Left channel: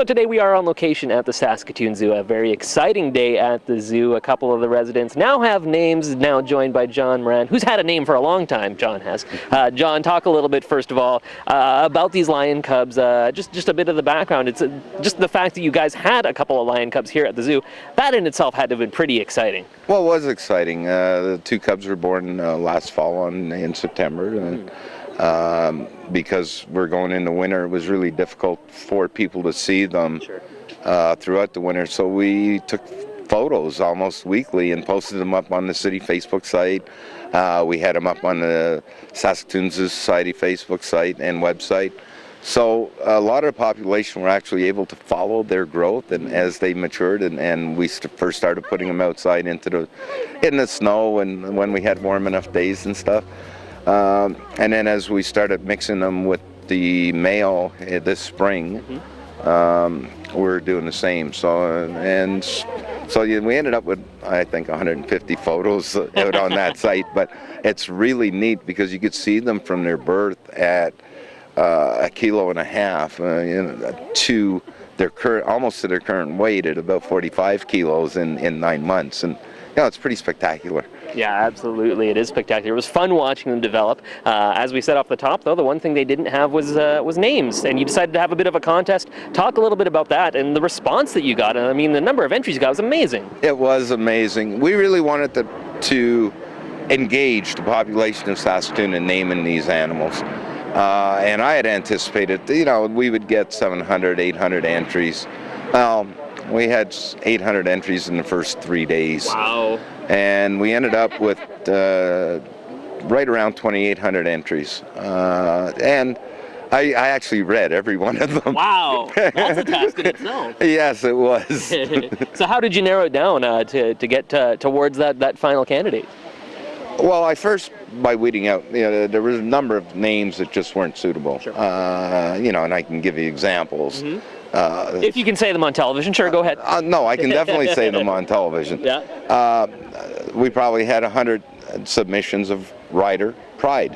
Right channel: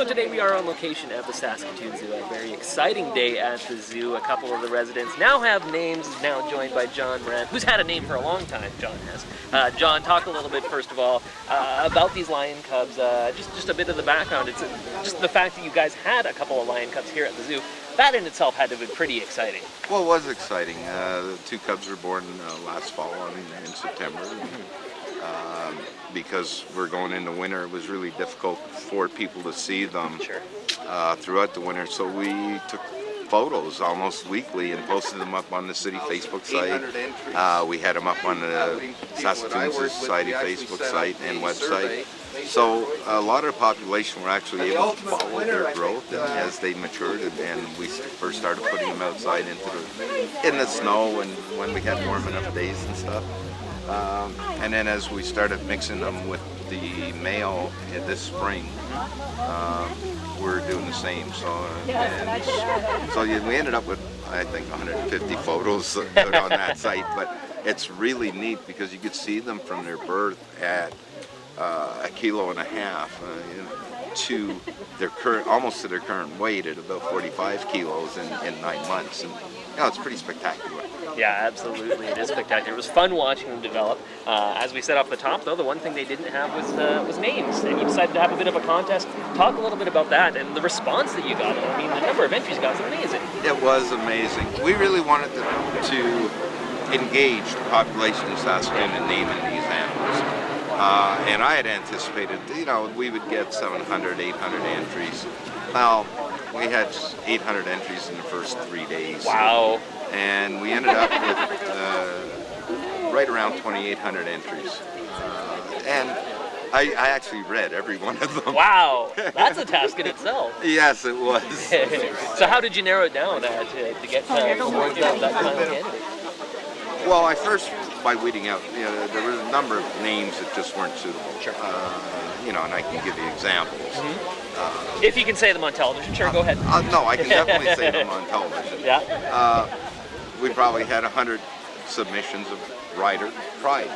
So today we are on location at the Saskatoon Zoo, a very exciting day at the zoo. A couple of the residents now have names, now joined by John Moran, who's had a name for a long time, John has. John, talk a little bit, first of all, about these lion cubs, just a bit of the background. It's just the fact that you guys had a couple of lion cubs here at the zoo, that in itself had to have been pretty exciting. Well, it was exciting. The two cubs were born last fall in September. Because we're going into winter, it was really difficult for people to see them throughout the winter. So we took photos almost weekly and posted them up on the city Facebook site. We had them up on the Saskatoon Zoo Society Facebook site and website. So a lot of the population were actually able to follow their growth and as they matured, and we first started putting them outside in the snow and when we had warm enough days and stuff. And then as we started mixing them with the male this spring, we're doing the same. So we ended up with, I think, 150 photos out on that site. But it's really neat because you could see them from their birth at 1.5 kilos to their almost to their current weight at about 45 kilos in 9 months, and it's pretty spectacular. Yeah, absolutely. It is spectacular. It was fun watching them develop. As we said off the top, though, the one thing they didn't have was names, and you decided to have a bit of a contest. Talk a little bit about that and the response that you got. And I mean, the number of entries you got was amazing. It was amazing. We really wanted to engage the population of Saskatoon in naming these animals. And I had anticipated, we would get 700, 800 entries. Well, we had 800 entries in the first 3 days. Wow. And we ended up with right around 2,800 entries. And I actually read every one of them. Wow, that's a task in itself. Yes, it was. So how did you narrow it down to get towards that final candidate? Well, I first, by weeding out, there was a number of names that just weren't suitable. Sure. And I can give you examples. Mm-hmm. If you can say them on television, sure, go ahead. No, I can definitely say them on television. Yeah. We probably had 100 submissions of rider pride,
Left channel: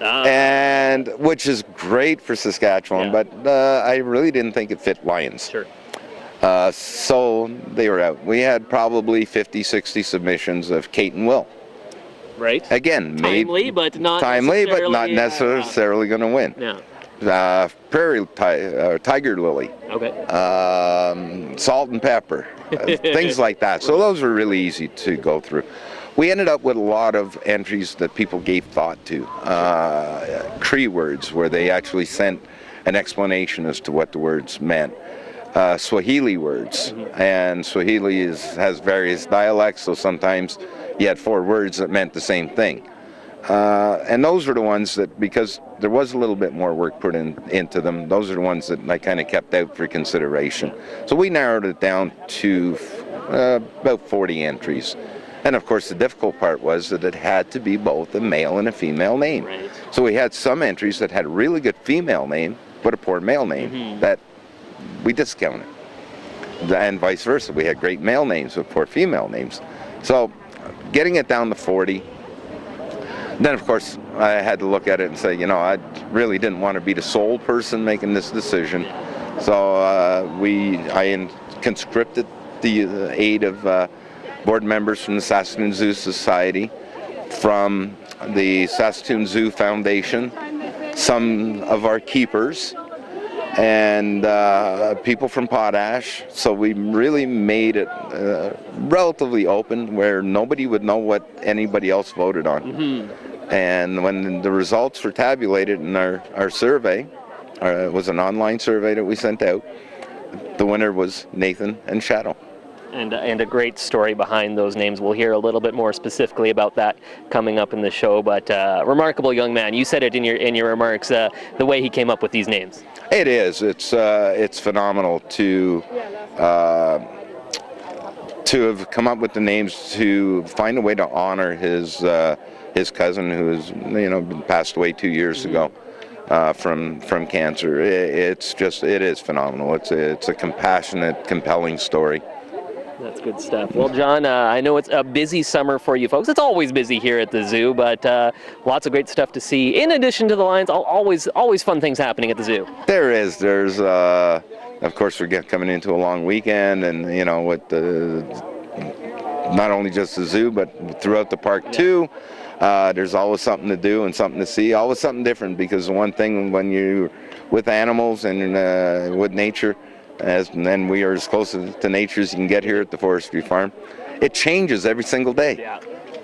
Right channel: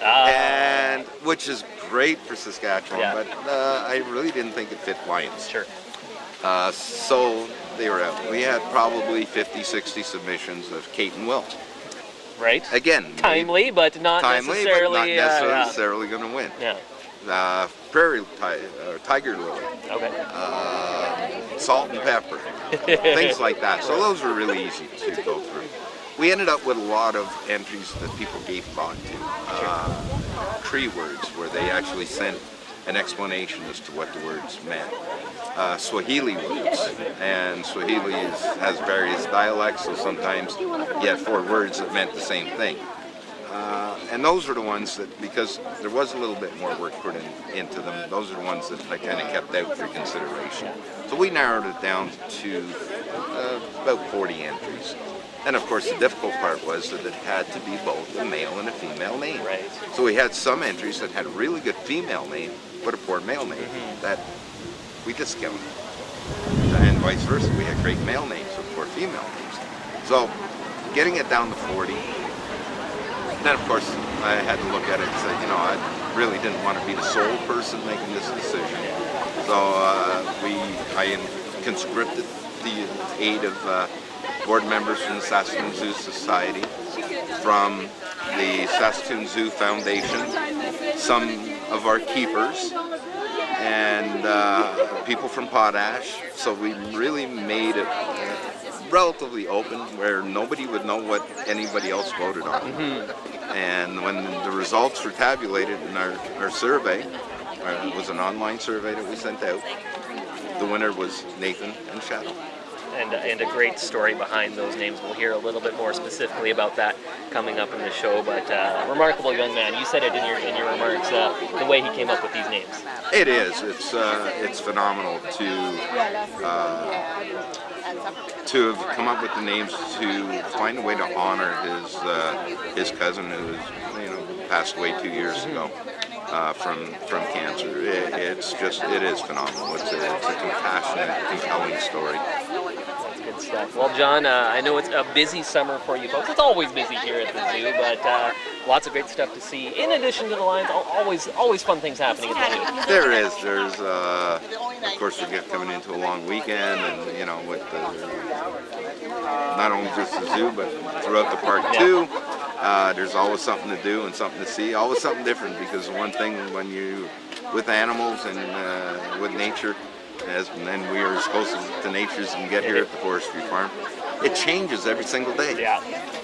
and which is great for Saskatchewan, but I really didn't think it fit lions. Sure. So they were out. We had probably 50, 60 submissions of Kate and Will. Right. Again, timely, but not necessarily going to win. Yeah. Prairie Tiger Lily. Okay. Salt and pepper. Things like that. So those were really easy to go through. We ended up with a lot of entries that people gave thought to. Cree words, where they actually sent an explanation as to what the words meant. Swahili words, and Swahili has various dialects, so sometimes you had 4 words that meant the same thing. And those were the ones that, because there was a little bit more work put into them, those are the ones that I kind of kept out for consideration. So we narrowed it down to about 40 entries. And of course the difficult part was that it had to be both a male and a female name. Right. So we had some entries that had a really good female name, but a poor male name, that we discounted. And vice versa, we had great male names with poor female names. So getting it down to 40, then of course I had to look at it and say, I really didn't want to be the sole person making this decision. So I conscripted the aid of board members from the Saskatoon Zoo Society, from the Saskatoon Zoo Foundation, some of our keepers, and people from Potash. So we really made it relatively open, where nobody would know what anybody else voted on. Mm-hmm. And when the results were tabulated in our survey, it was an online survey that we sent out, the winner was Nathan and Shadow. And a great story behind those names. We'll hear a little bit more specifically about that coming up in the show. But remarkable young man. You said it in your remarks. The way he came up with these names. It is. It's phenomenal to have come up with the names, to find a way to honor his cousin, who passed away 2 years ago from cancer. It is phenomenal. It's a compassionate, compelling story. That's good stuff. Well, John, I know it's a busy summer for you folks. It's always busy here at the zoo, but lots of great stuff to see. In addition to the lions, always fun things happening at the zoo. There is. There's Of course, we're coming into a long weekend, and you know, with the not only just the zoo, but throughout the park too. There's always something to do and something to see, always something different, because one thing when you with animals and with nature, and then we are as close to nature as you can get here at the Forestry Farm, it changes every single day. Yeah.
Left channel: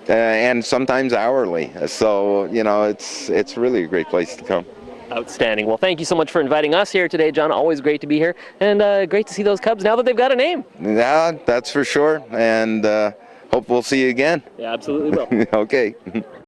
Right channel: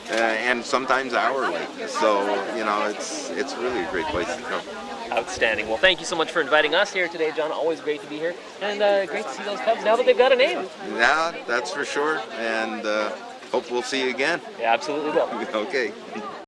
And sometimes hourly. So, you know, it's really a great place to come. Outstanding. Well, thank you so much for inviting us here today, John. Always great to be here, and great to see those cubs now that they've got a name. Yeah, that's for sure. And hope we'll see you again. Yeah, absolutely will. Okay.